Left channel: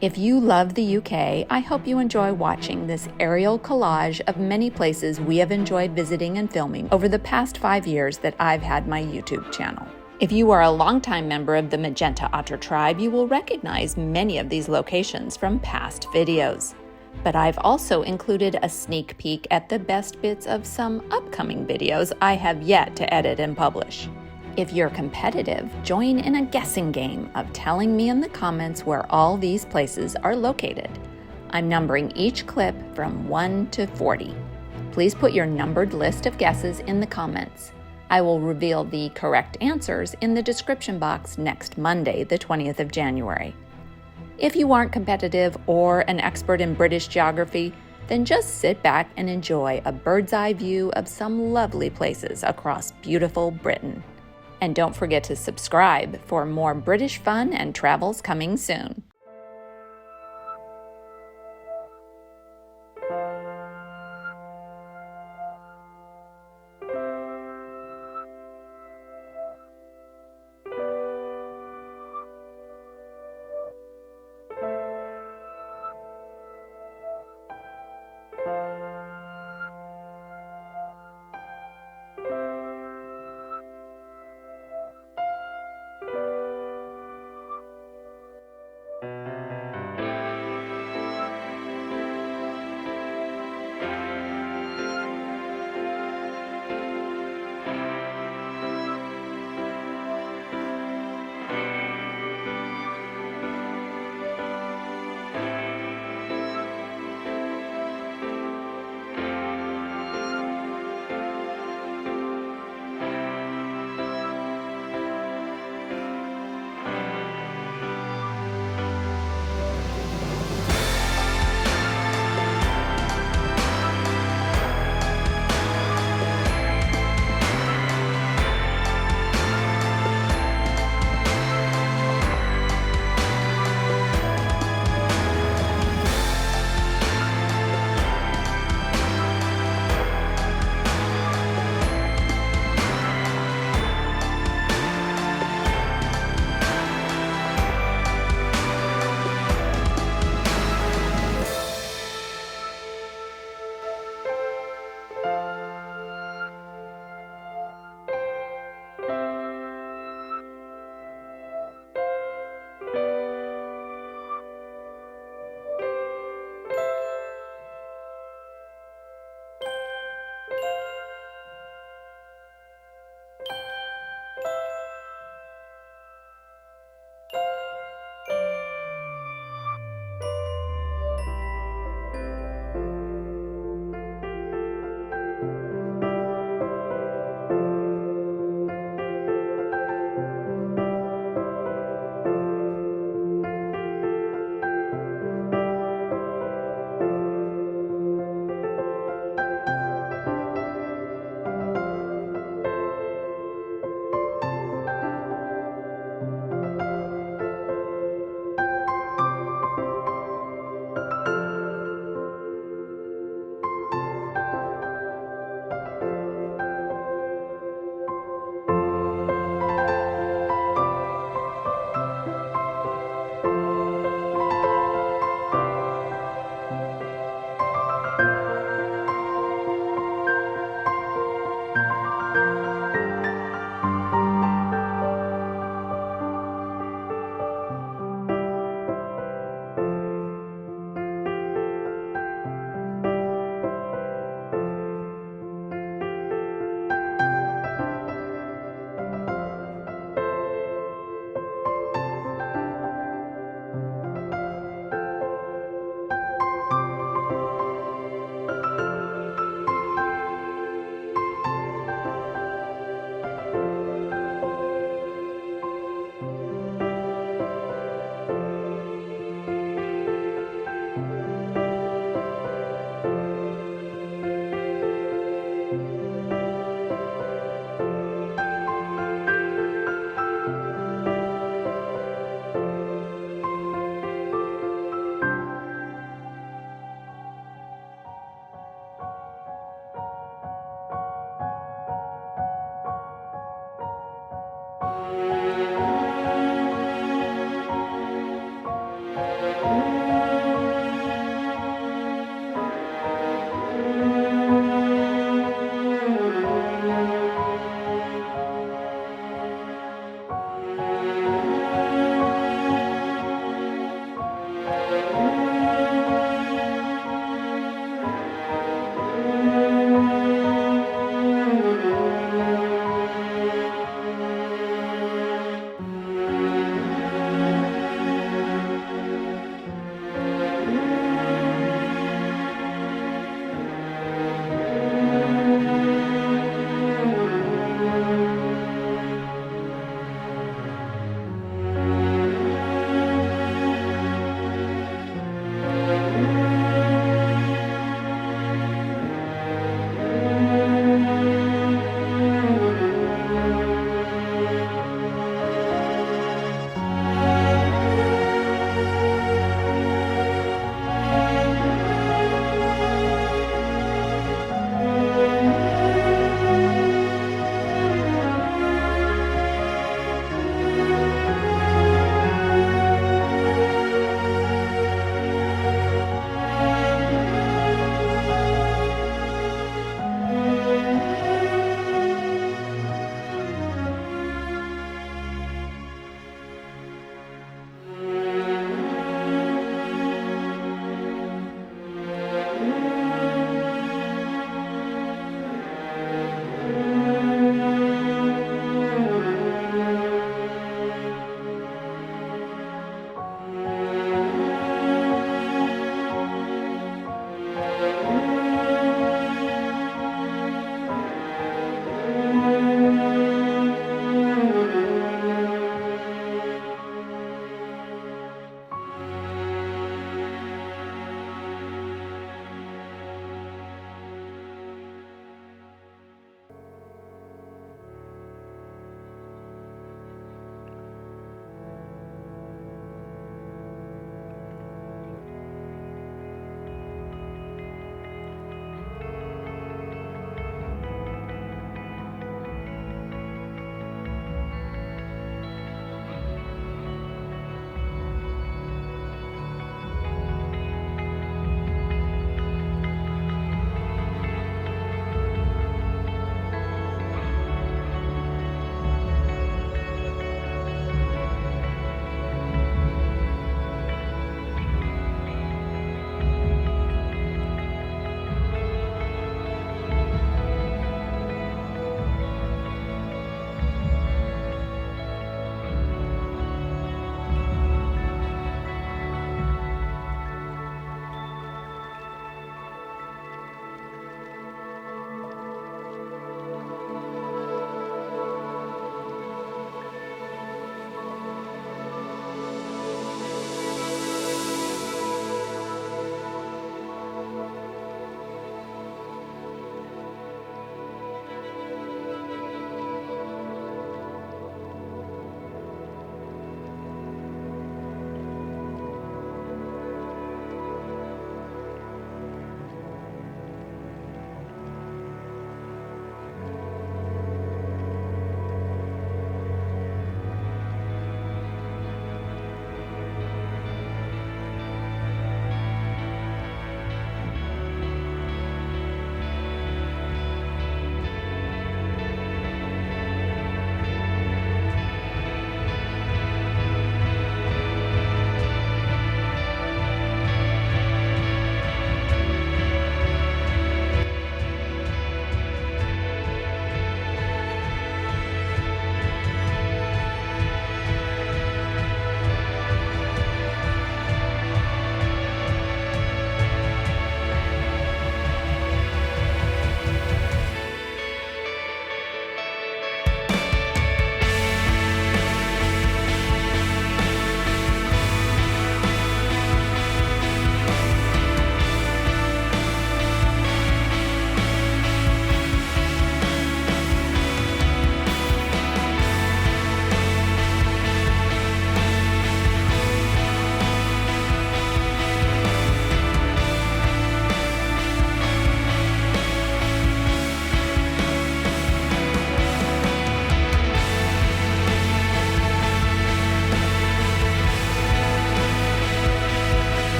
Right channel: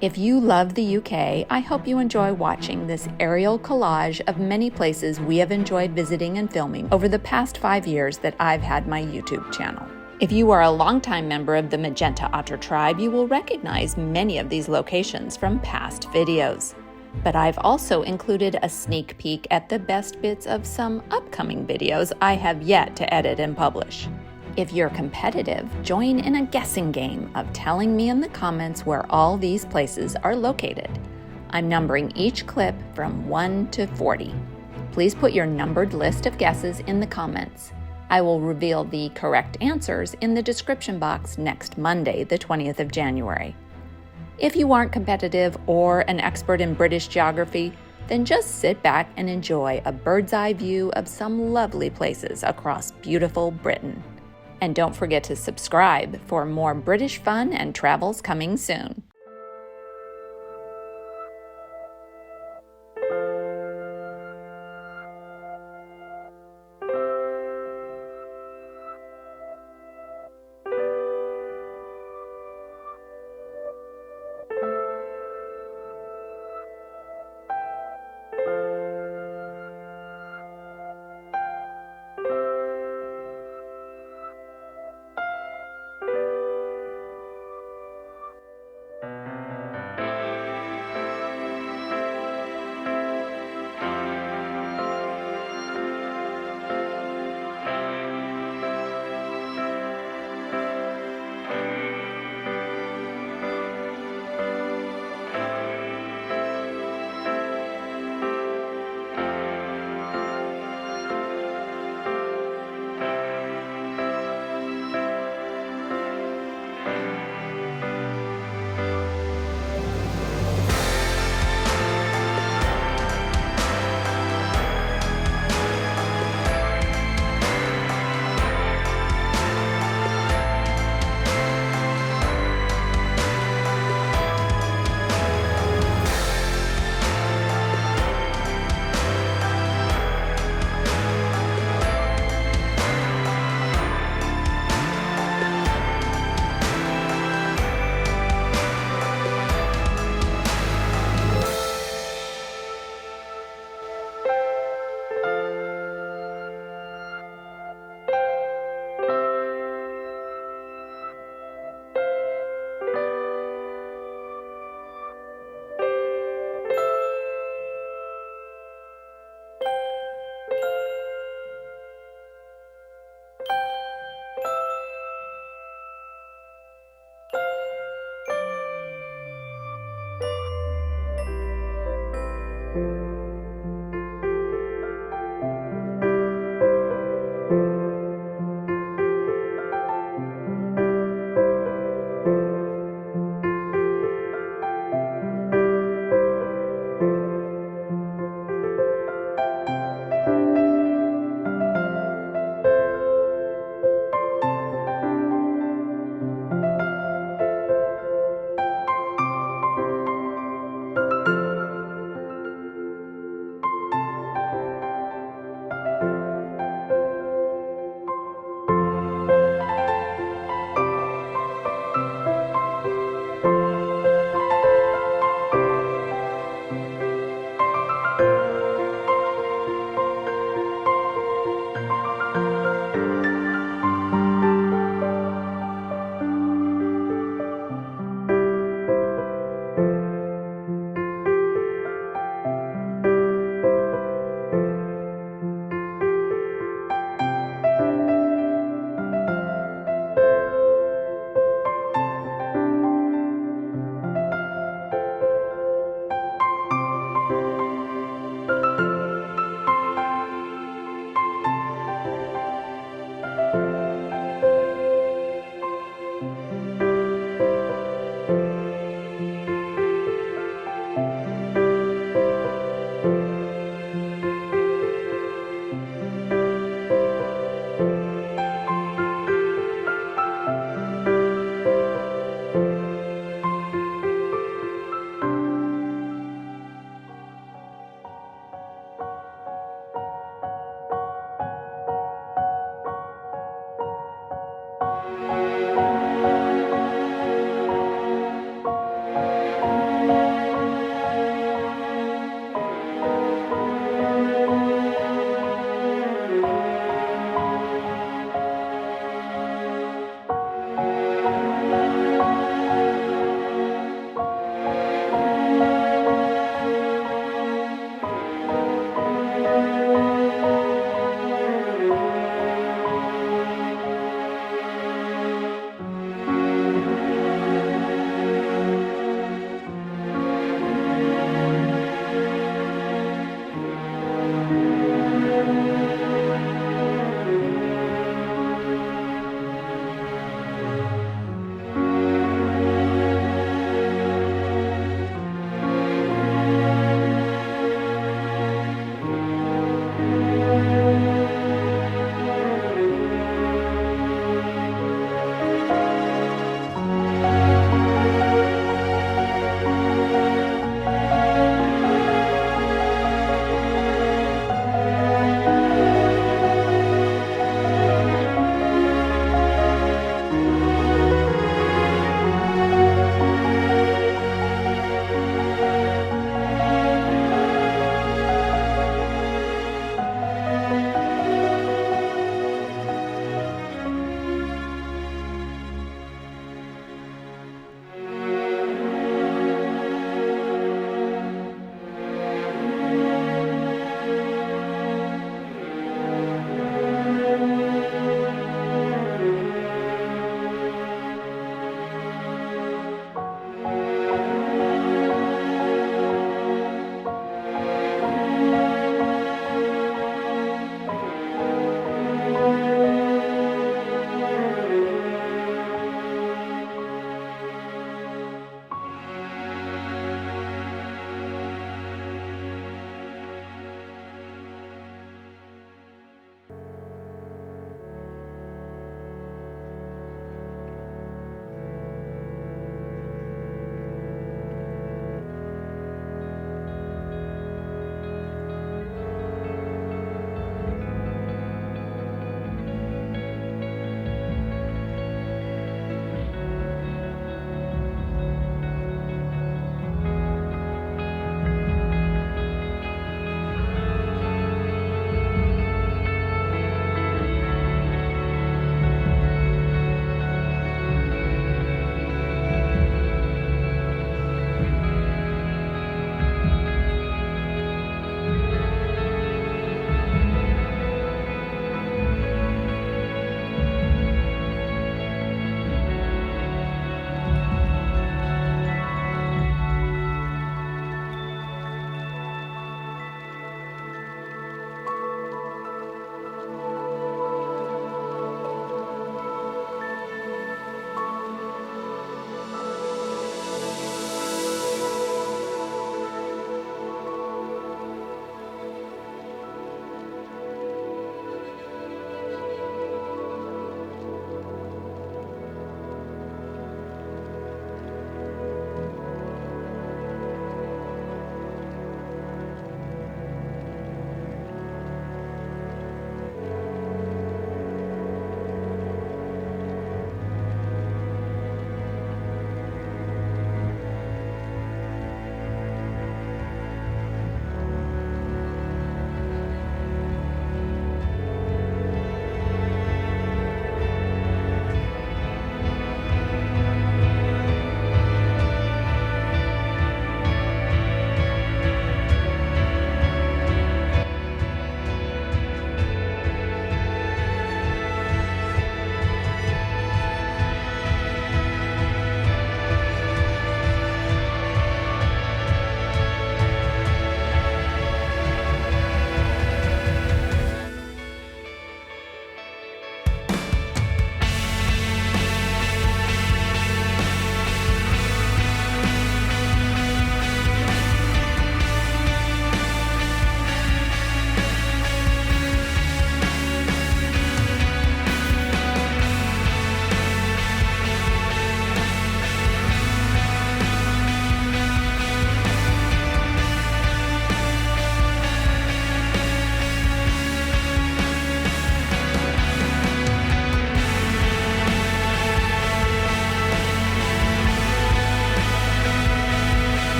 If you love the UK, I hope you enjoy watching this aerial collage of many places we have enjoyed visiting and filming over the past 5 years that I've had my YouTube channel. If you are a longtime member of the Magenta Otter tribe, you will recognize many of these locations from past videos. But I've also included a sneak peek at the best bits of some upcoming videos I have yet to edit and publish. If you're competitive, join in a guessing game of telling me in the comments where all these places are located. I'm numbering each clip from 1 to 40. Please put your numbered list of guesses in the comments. I will reveal the correct answers in the description box next Monday, the 20th of January. If you aren't competitive or an expert in British geography, then just sit back and enjoy a bird's eye view of some lovely places across beautiful Britain. And don't forget to subscribe for more British fun and travels coming soon.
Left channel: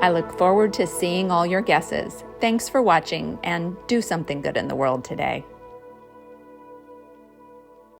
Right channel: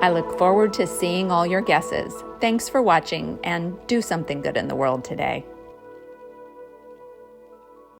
I look forward to seeing all your guesses. Thanks for watching, and do something good in the world today.